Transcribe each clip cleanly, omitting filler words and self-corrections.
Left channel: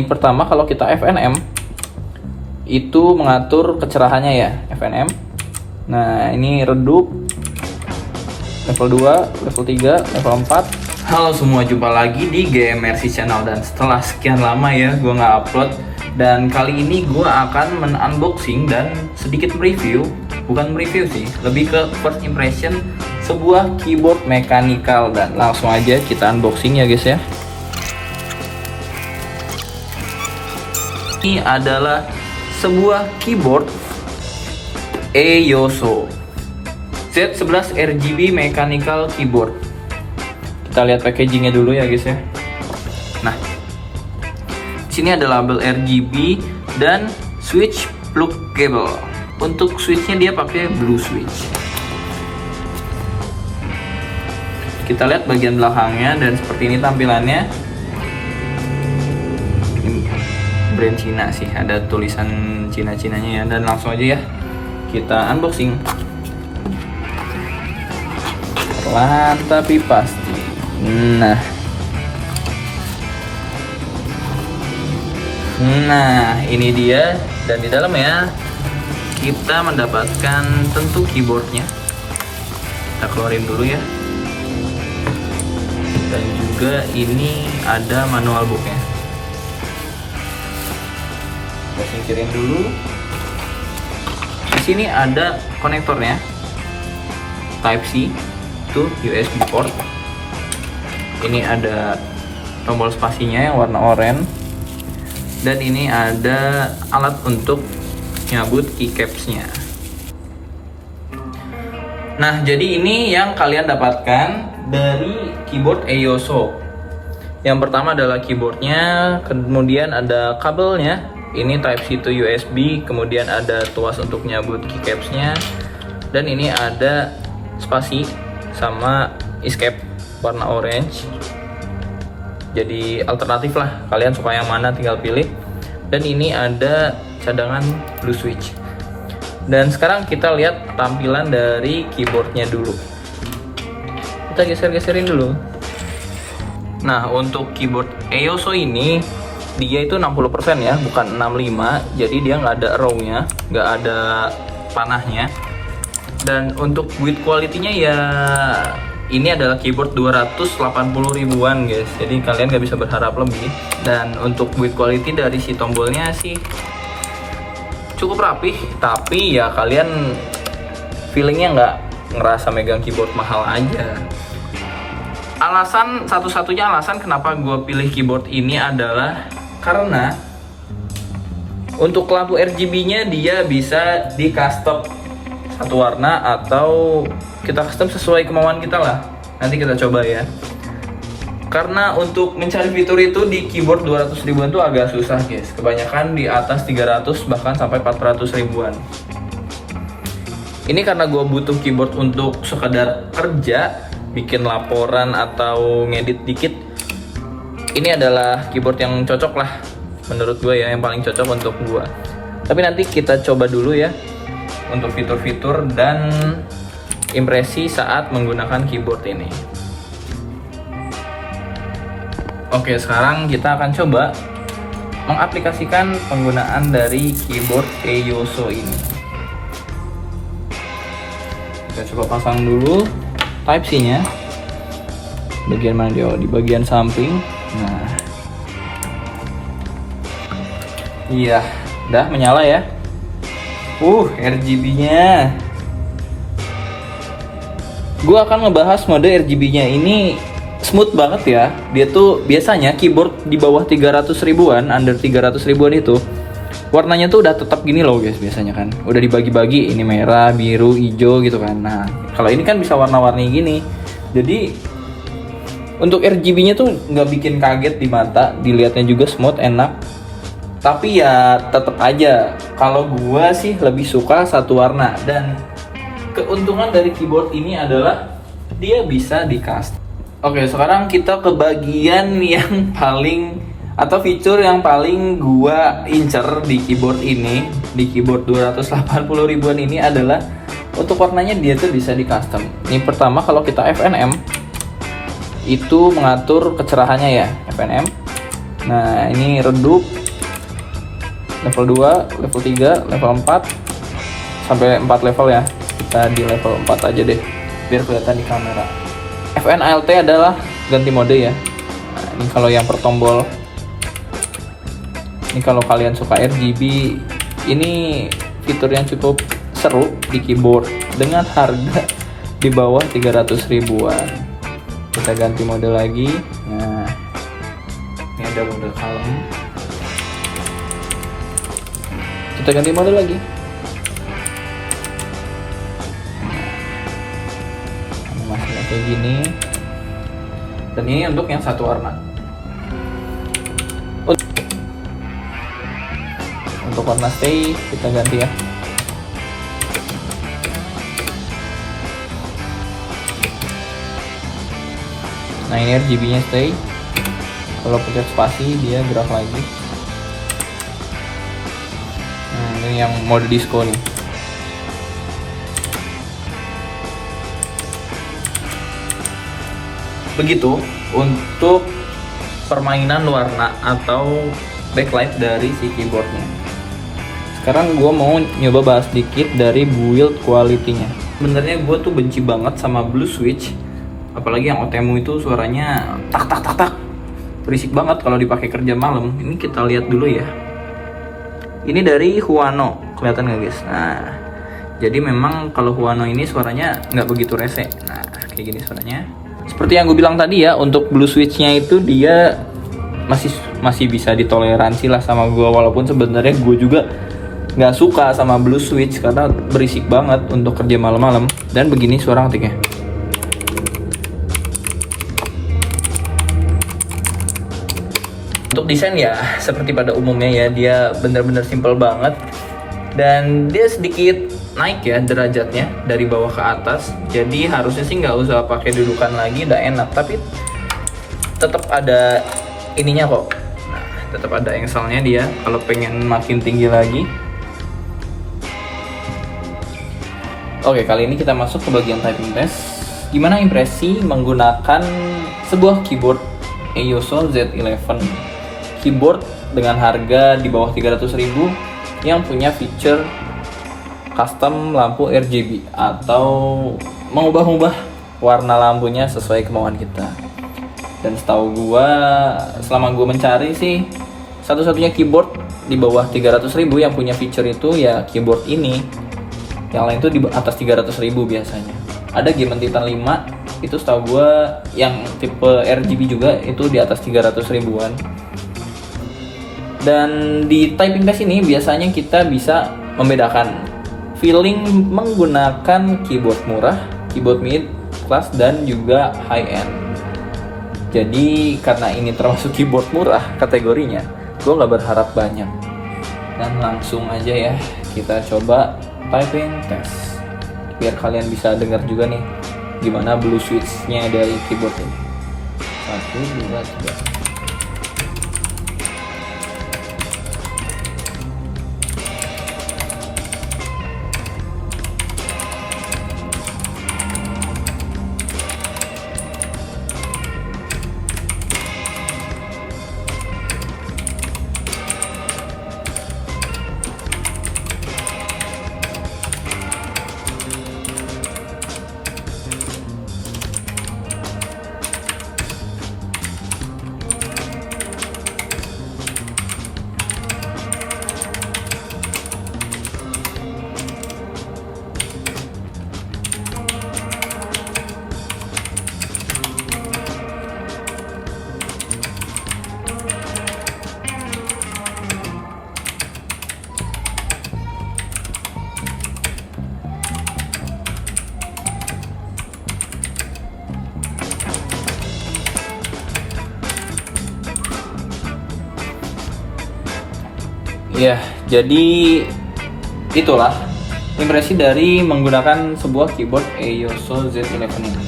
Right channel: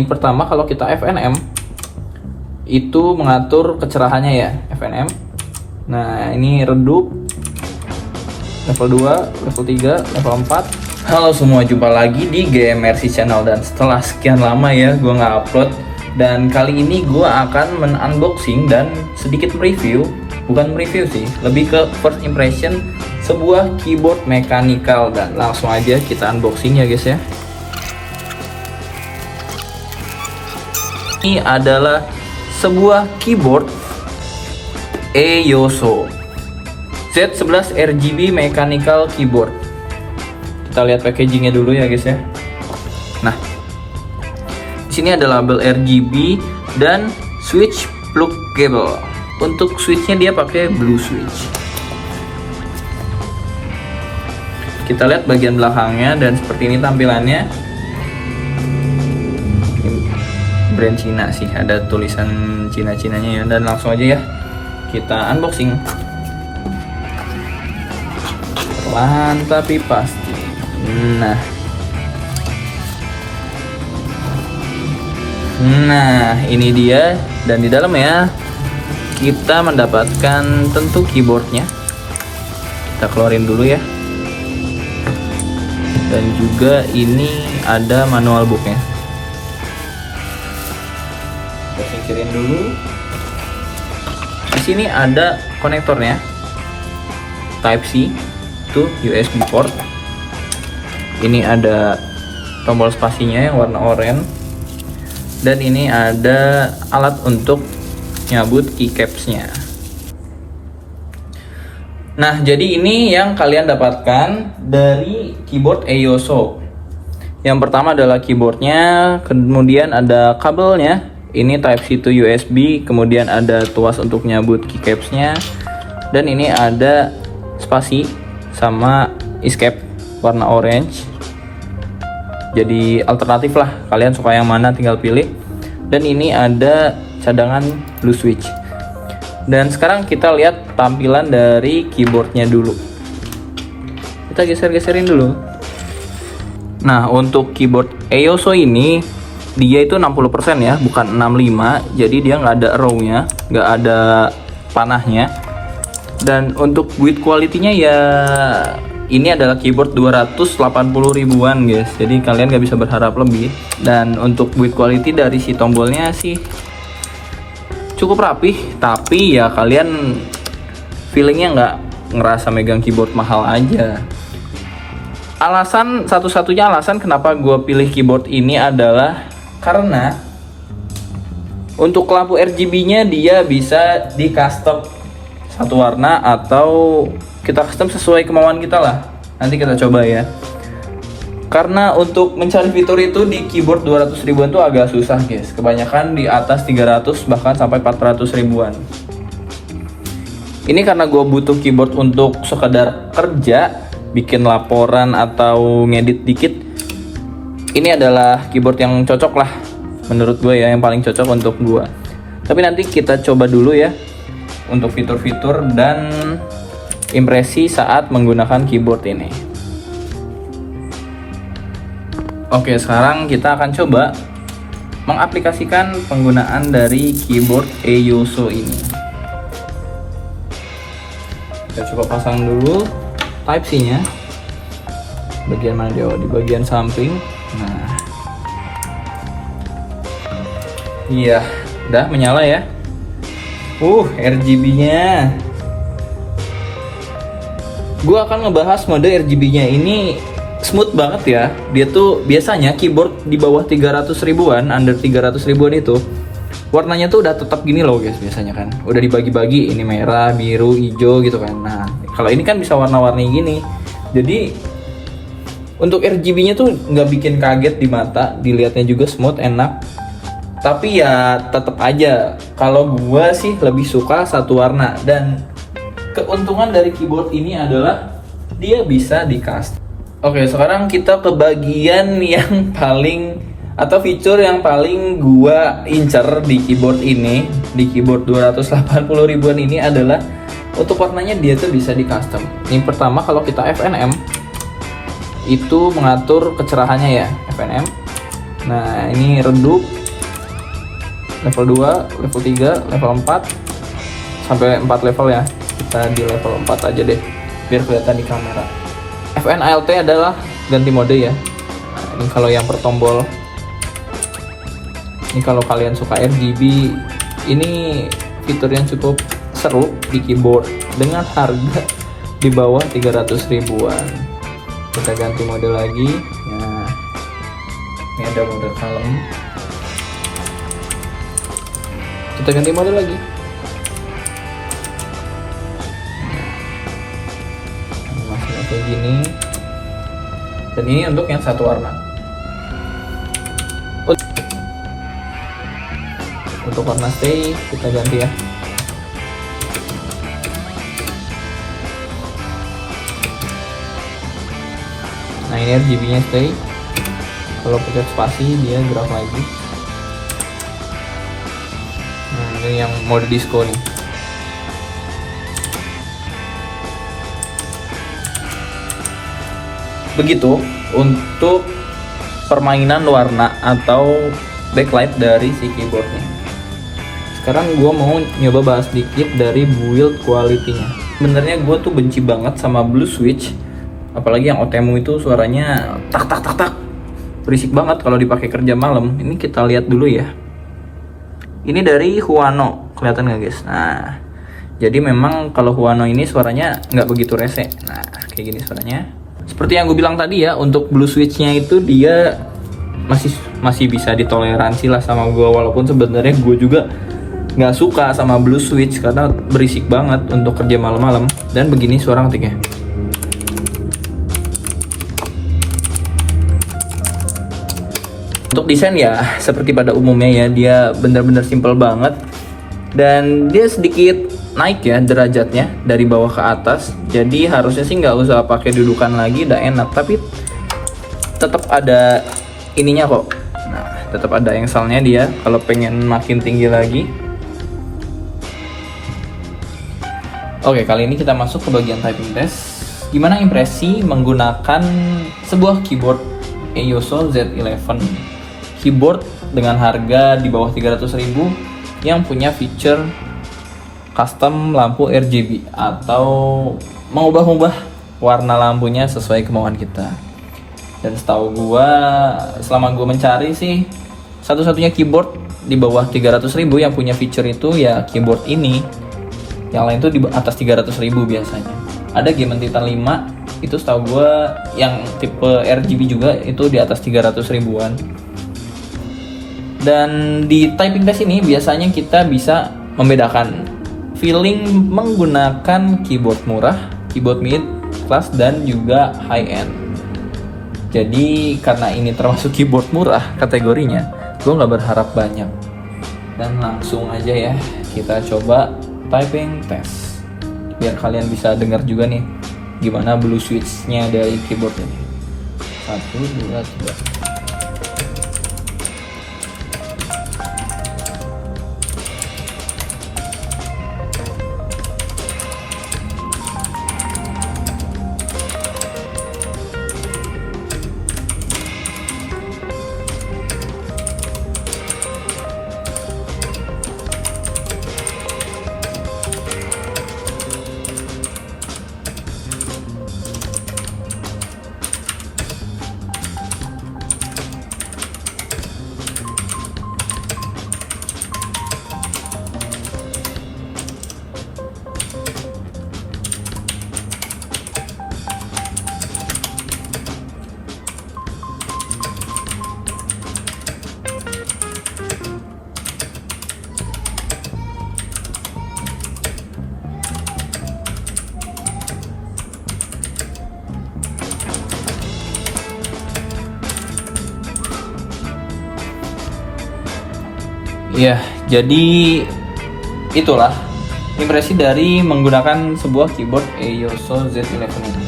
Yang pertama, kalau kita FNM itu mengatur kecerahannya ya, FNM. Nah, ini redup level 2, level 3, level 4. Halo semua, jumpa lagi di GMRC Channel. Dan setelah sekian lama ya gue nggak upload, dan kali ini gue akan men-unboxing dan sedikit mereview. Bukan mereview sih, lebih ke first impression sebuah keyboard mechanical. Dan langsung aja kita unboxing ya guys ya. Ini adalah sebuah keyboard EOSO Z11 RGB mechanical keyboard. Kita lihat packagingnya dulu ya guys ya. Nah, di sini ada label RGB dan switch plug cable. Untuk switchnya dia pakai blue switch. Kita lihat bagian belakangnya dan seperti ini tampilannya. Brand Cina sih, ada tulisan Cina-Cinanya ya. Dan langsung aja ya kita unboxing. Perlahan tapi pasti. Nah ini dia, dan di dalamnya kita mendapatkan tentu keyboardnya. Kita keluarin dulu ya. Dan juga ini ada manual booknya. Kita singkirin dulu. Di sini ada konektornya, Type C to USB port. Ini ada tombol spasinya yang warna oranye, dan ini ada alat untuk nyabut keycaps-nya. Nah, jadi ini yang kalian dapatkan dari keyboard EOSO. Yang pertama adalah keyboardnya, kemudian ada kabelnya. Ini Type C to USB, kemudian ada tuas untuk nyabut keycaps-nya, dan ini ada spasi sama escape warna orange. Jadi alternatif lah, kalian suka yang mana tinggal pilih. Dan ini ada cadangan blue switch. Dan sekarang kita lihat tampilan dari keyboardnya dulu. Kita geser-geserin dulu. Nah, untuk keyboard EOSO ini dia itu 60% ya, bukan 65. Jadi dia nggak ada arrow-nya, nggak ada panahnya. Dan untuk build quality-nya ya, ini adalah keyboard 280 ribuan guys, jadi kalian nggak bisa berharap lebih. Dan untuk build quality dari si tombolnya sih cukup rapih, tapi ya kalian feelingnya nggak ngerasa megang keyboard mahal aja. Satu-satunya alasan kenapa gue pilih keyboard ini adalah karena untuk lampu RGB-nya dia bisa di custom satu warna, atau kita custom sesuai kemauan kita lah. Nanti kita coba ya. Karena untuk mencari fitur itu di keyboard 200 ribuan tuh agak susah guys. Kebanyakan di atas 300 bahkan sampai 400 ribuan. Ini karena gue butuh keyboard untuk sekedar kerja, bikin laporan atau ngedit dikit. Ini adalah keyboard yang cocok lah menurut gue ya, yang paling cocok untuk gue. Tapi nanti kita coba dulu ya untuk fitur-fitur dan impresi saat menggunakan keyboard ini. Oke, sekarang kita akan coba mengaplikasikan penggunaan dari keyboard EOSO ini. Kita coba pasang dulu Type C nya. Bagian mana dia? Di bagian samping. Nah, iya, udah menyala ya. RGB-nya. Gue akan ngebahas mode RGB-nya. Ini smooth banget ya. Dia tuh biasanya keyboard di bawah 300 ribuan, under 300 ribuan itu warnanya tuh udah tetap gini loh guys, biasanya kan. Udah dibagi-bagi, ini merah, biru, hijau gitu kan. Nah, kalau ini kan bisa warna-warni gini. Jadi untuk RGB-nya tuh nggak bikin kaget di mata, dilihatnya juga smooth, enak. Tapi ya tetap aja, kalau gua sih lebih suka satu warna. Dan keuntungan dari keyboard ini adalah dia bisa di custom. Oke, sekarang kita ke bagian yang paling, atau fitur yang paling gua incer di keyboard ini, di keyboard 280 ribuan ini adalah untuk warnanya dia tuh bisa di custom. Ini pertama, kalau kita FNM itu mengatur kecerahannya ya, FNM. Nah, ini redup level 2, level 3, level 4 sampai 4 level ya. Kita di level 4 aja deh biar kelihatan di kamera. FNALT adalah ganti mode ya. Nah, ini kalau yang per tombol. Ini kalau kalian suka RGB, ini fitur yang cukup seru di keyboard dengan harga di bawah 300 ribuan. Kita ganti mode lagi. Nah, ini ada mode kalem. Kita ganti mode lagi. Masih kayak gini. Dan ini untuk yang satu warna. Untuk warna stay kita ganti ya. Nah, ini RGB nya stay. Kalau pakai spasi dia gerak lagi. Nah, ini yang mode disco nih. Begitu untuk permainan warna atau backlight dari si keyboardnya. Sekarang gue mau nyoba bahas dikit dari build quality-nya. Sebenarnya gue tuh benci banget sama Blue Switch, apalagi yang Otemu itu suaranya tak tak tak tak, berisik banget kalau dipakai kerja malam. Ini kita lihat dulu ya. Ini dari Huano, kelihatan nggak guys? Nah, jadi memang kalau Huano ini suaranya nggak begitu rese. Nah, kayak gini suaranya. Seperti yang gue bilang tadi ya, untuk Blue Switch-nya itu dia masih bisa ditoleransi lah sama gue, walaupun sebenarnya gue juga nggak suka sama Blue Switch karena berisik banget untuk kerja malam-malam. Dan begini suara ngetiknya. Untuk desain ya seperti pada umumnya ya, dia bener-bener simple banget dan dia sedikit naik ya derajatnya dari bawah ke atas. Jadi harusnya sih nggak usah pakai dudukan lagi, udah enak. Tapi tetap ada ininya kok. Nah, tetap ada engselnya dia kalau pengen makin tinggi lagi. Oke, kali ini kita masuk ke bagian typing test. Gimana impresi menggunakan sebuah keyboard EOSO Z11, keyboard dengan harga di bawah 300 ribu yang punya feature custom lampu RGB atau mengubah-ubah warna lampunya sesuai kemauan kita. Dan setahu gua, selama gua mencari sih, satu-satunya keyboard di bawah 300 ribu yang punya feature itu ya keyboard ini. Yang lain tuh di atas 300 ribu biasanya. Ada Game Titan 5, itu setahu gua yang tipe RGB juga itu di atas 300 ribuan. Dan di typing test ini biasanya kita bisa membedakan feeling menggunakan keyboard murah, keyboard mid class, dan juga high end. Jadi karena ini termasuk keyboard murah kategorinya, gue nggak berharap banyak. Dan langsung aja ya kita coba typing test biar kalian bisa dengar juga nih gimana Blue Switch-nya dari keyboard ini. 1, 2, 3. Ya, jadi itulah impresi dari menggunakan sebuah keyboard EOSO Z11 ini.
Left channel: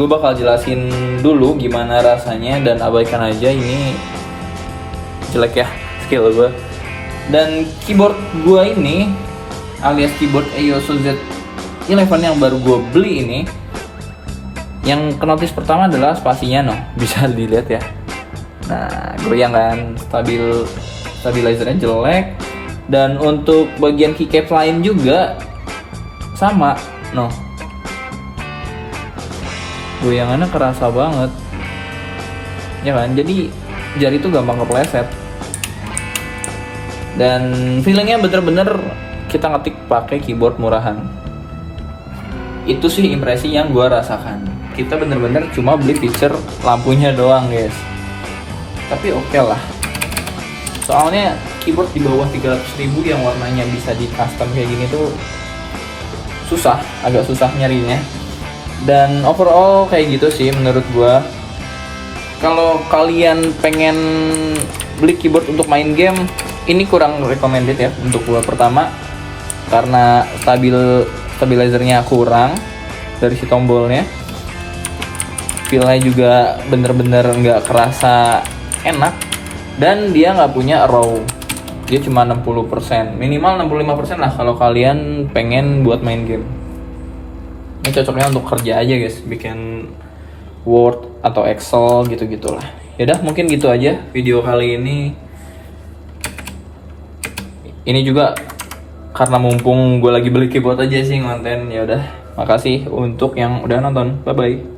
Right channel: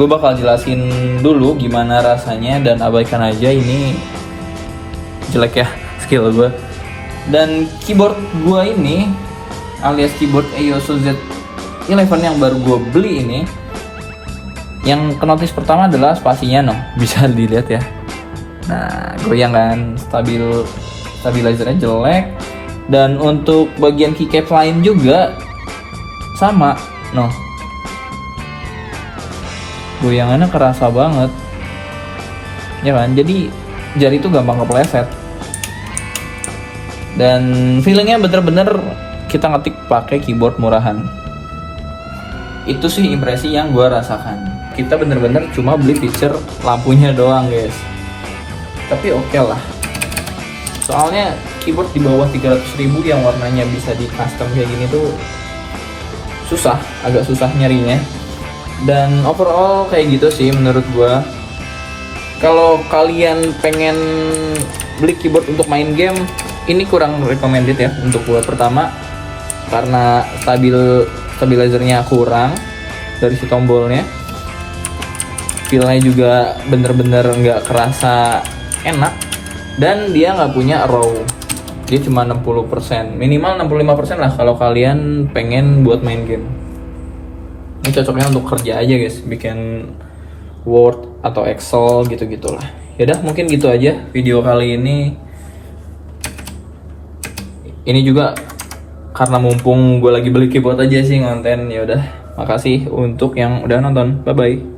Gue bakal jelasin dulu gimana rasanya dan abaikan aja ini jelek ya skill gue. Dan keyboard gue ini alias keyboard EOSO Z11 yang baru gue beli ini, yang kenotis pertama adalah spasinya bisa dilihat ya. Nah, yang kan stabilizernya jelek. Dan untuk bagian keycap lain juga sama, goyangannya kerasa banget, ya kan? Jadi jari itu gampang kepleset. Dan feelingnya bener-bener kita ngetik pakai keyboard murahan. Itu sih impresi yang gue rasakan. Kita bener-bener cuma beli feature lampunya doang guys, tapi oke lah. Soalnya keyboard di bawah 300.000 yang warnanya bisa di custom kayak gini tuh agak susah nyarinya. Dan overall kayak gitu sih menurut gue. Kalau kalian pengen beli keyboard untuk main game, ini kurang recommended ya untuk gue. Pertama, karena stabilizernya kurang dari si tombolnya, feelnya juga bener-bener nggak kerasa enak, dan dia nggak punya raw, dia cuma 60%, minimal 65% lah kalau kalian pengen buat main game. Ini cocoknya untuk kerja aja guys, bikin Word atau Excel gitu-gitulah. Yaudah, mungkin gitu aja video kali ini. Ini juga karena mumpung gue lagi beli keyboard aja sih konten. Ya udah, makasih untuk yang udah nonton. Bye bye.